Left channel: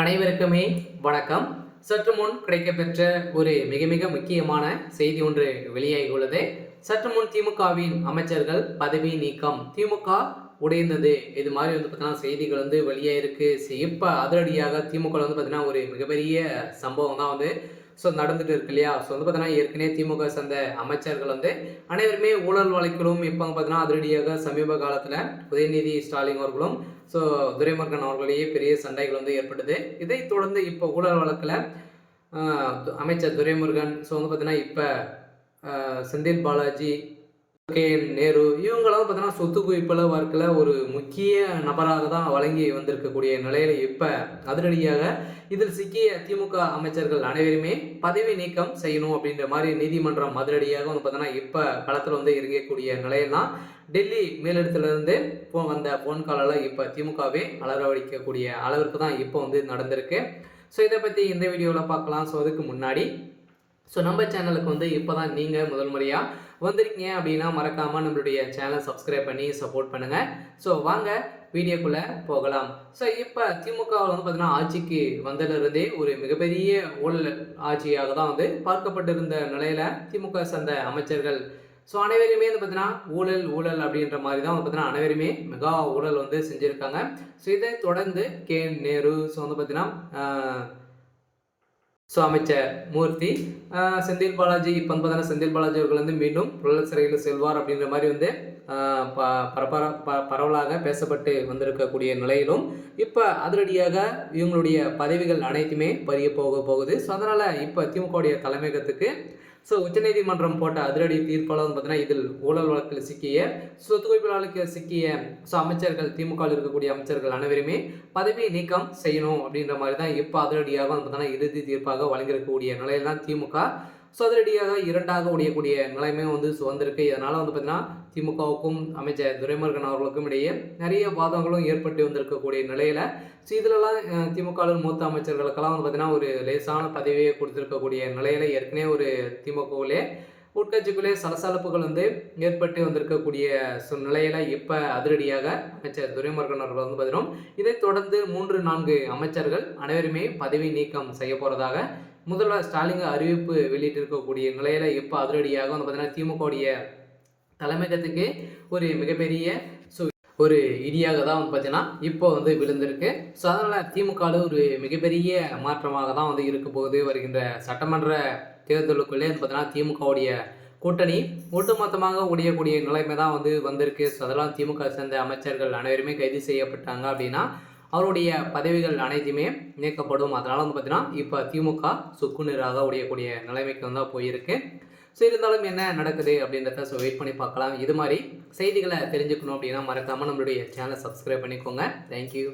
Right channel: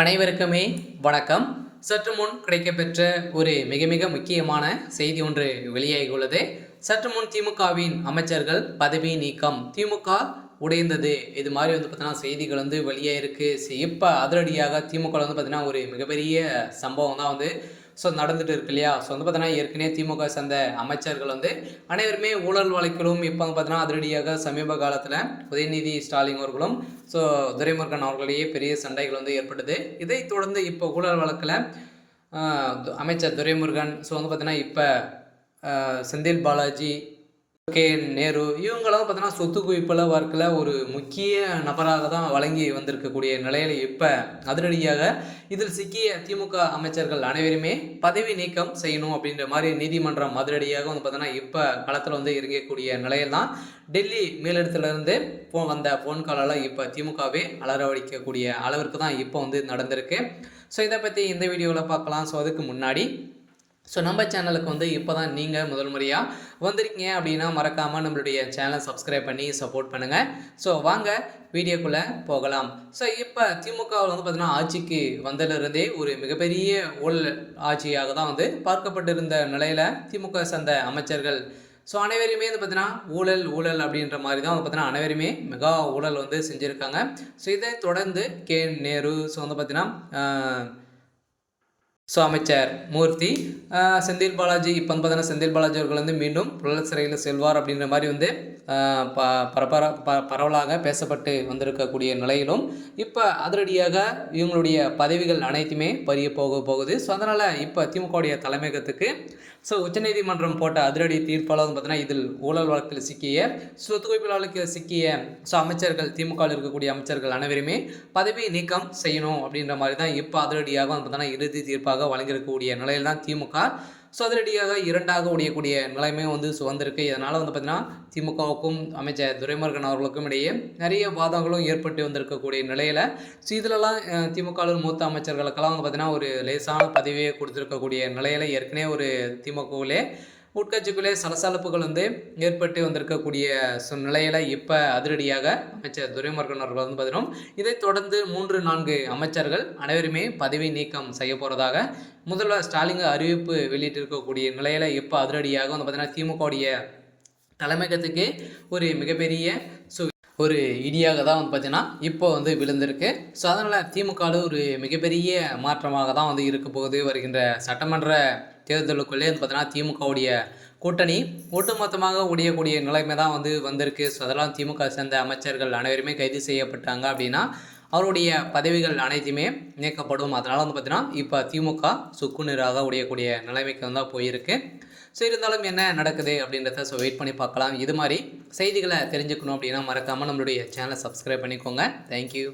அனைவருக்குமே வணக்கம். சற்று முன் கிடைக்கப்பெற்ற ஒரு மிக மிக முக்கியமான செய்தி ஒன்று வெளியாகியுள்ளது. சற்று முன் திமுகவின் அமைச்சர்கள் பதவி நீக்கம், திமுக உடைந்தது, இது மாதிரி பார்த்தீங்கன்னா செய்திகள் வெளியாயிருக்கு. இப்போ அதிரடியாக திமுக பார்த்தீங்கன்னா ஒரு மிகப்பெரிய சம்பவம் தான் நடந்துட்டு இருக்கு இல்லையா? பார்த்தீங்கன்னா ஏற்கனவே திமுக சேர்ந்த அமைச்சர்கள் அனைவருமே ஊழல் வழக்கிலும் இப்போ பார்த்தீங்கன்னா அதிரடியாக சமீப காலத்தில் உதயநிதி ஸ்டாலின் அவர்களும் துரைமுருகன் அவர்களிடையே பெரிய சண்டைகள் ஏற்பட்டது. இதைத் தொடர்ந்து இப்போ ஊழல் வழக்கில் அமைச்சர் துரைமுருகன் பார்த்தீங்கன்னா இப்போ செந்தில் பாலாஜி, கே நேரு இவங்களாம் பார்த்தீங்கன்னா சொத்து குவிப்பில் வழக்கில் ஒரு முக்கிய நபராக தான் வழங்கி வந்திருக்கக்கூடிய நிலையில் இப்போ அதிரடியாக இதில் சிக்கிய திமுக அமைச்சர்கள் அனைவருமே பதவி நீக்கம் செய்யணும் அப்படின்ற மாதிரி நீதிமன்றம் அதிரடியாக பார்த்தீங்கன்னா இப்போ களத்தில் இறங்கக்கூடிய நிலையில் தான் டெல்லி மேலிடத்திலிருந்து வந்த ஃபோன் காலால் இப்போ திமுகவே அலறவடிக்கக்கூடிய அளவிற்கு தான் இப்போ நடந்திருக்கு. ஸோ இதை பற்றி இந்த வீடியோவில் பார்க்கலாம். ஸோ அதுக்கு முன்னாடி நம்ம சேனலுக்கு இப்போ தான் நீங்கள் முதல் முறையாக வந்திருக்கீங்க அப்படின்னா மறக்காமல் நம்மளுடைய சேனலை சப்ஸ்கிரைப் பண்ணி சப்போர்ட் பண்ணுங்கள். ஸோ வாங்க வீடியோக்குள்ளே போகலாம். ஸோ இப்போ திமுகவில் பார்த்தீங்கன்னா ஆட்சிக்கு வந்ததிலிருந்தே ஒரு மிகப்பெரிய ஊழல் ஆட்சியாக தான் பார்க்கப்பட்டிருந்த நிலையில் திமுக சேர்ந்த அமைச்சர்கள் அனைவருமே பார்த்தீங்கன்னா ஊழல் ஊழல் அப்படின்ற மாதிரி தான் பார்த்தீங்கன்னா அனைவருமே மெகா ஊழல் செஞ்சுருக்காங்க. ஸோ இதை தொடர்ந்து கே நேரு பார்த்தீங்கன்னா அமைச்சர் மூர்த்தி, செந்தில் பாலாஜி இப்போ பார்த்தீங்கன்னா செந்தில் பாலாஜி அவர்கள் மீண்டும் புழல் சிறையில் செல்வார் அப்படின்ற மாதிரி பரவலாக பேசப்பட்டு வந்திருக்கக்கூடிய நிலையிலும் இப்போ அதிரடியாக இவங்களுடைய பதவிகள் அனைத்துமே பறிய போகுது. அதனால் இப்போ திமுகவுடைய தலைமையகத்துக்கு உச்சநீதிமன்றம் போட்ட அதிரடி தீர்ப்பாளர் பார்த்தீங்கன்னா இதில் ஊழல் வழக்கில் சிக்கிய சொத்து குவிப்பு வழக்கில் சிக்கிய அமைச்சர்கள், திமுகவில் இருக்கக்கூடிய அமைச்சர்கள் அனைவருமே பதவி நீக்கம் செய்யணும் அப்படின்ற மாதிரி தான் இப்போ அதிரடியாக பார்த்தீங்கன்னா இறுதி தீர்ப்பாக வழங்கியிருக்கக்கூடிய நிலையில் தான் திமுக அதிரடியாக இரண்டாக உடையக்கூடிய நிலைமை வந்திருக்கு. இதனால் பார்த்தீங்கன்னா திமுகவுக்கும் அமைச்சர் துரைமுருகன் அவர்களுக்கும் இடையே நிறைய வாதங்களும் ஏற்பட்டு வந்திருக்கக்கூடிய நிலையில் இதிலெல்லாம் திமுகவின் மூத்த அமைச்சர்களுக்கெல்லாம் பார்த்தீங்கன்னா ஒரு லேசான பதவியை கொடுத்துருக்கக்கூடிய நிலையில் ஏற்கனவே ஒரு திமுகவிலே உட்கட்சிக்குள்ளே சலசலப்புகள் ஏற்பட்டு வந்திருக்கக்கூடிய நிலையில் இப்போ அதிரடியாக அமைச்சர் துரைமுருகன் அவர்கள் பார்த்தீங்கன்னா இதைத் தொடர்ந்து 3-4 அமைச்சர்கள் அனைவருமே பதவி நீக்கம் செய்ய போகிறதாக முதல்வர் ஸ்டாலின் அறிவிப்பு வெளியிட்டிருக்கக்கூடிய நிலையில் இப்போ அதிரடியாக பார்த்தீங்கன்னா திமுகவுடைய தலைமையகத்துக்கு ஒரு மிகப்பெரிய ஒரு இடியாக தான் பார்த்தீங்கன்னா இப்போ விழுந்திருக்கு. அதனால் திமுக ஒரு மிகப்பெரிய மாற்றமாக தான் இருக்க போகுது. வருகின்ற சட்டமன்ற தேர்தலுக்குள்ளே பார்த்தீங்கன்னா திமுகவுடைய கூட்டணி ஒட்டுமொத்தமாக உடையக்கூடிய நிலைமை தான் வந்திருக்கு. அதெல்லாம் திமுக சேர்ந்த அமைச்சர்கள் அனைவருமே கைது செய்யப்பட்டாங்க அப்படின்னா அவருடைய பதவிகள் அனைத்துமே நீக்கப்படும். அதனால் பார்த்தீங்கன்னா இப்போ திமுக சுக்குநீராக உடையக்கூடிய நிலைமைக்கு தான் போயிருக்கு. இருந்தாலும் என்ன நடக்குது அப்படின்றத வெயிட் பண்ணி பார்க்கலாம். இது மாதிரி செய்திகளை தெரிஞ்சுக்கணும் அப்படின்னா மறக்காமல் நம்மளுடைய சேனலை சப்ஸ்கிரைப் பண்ணிக்கோங்க. தேங்க்யூ.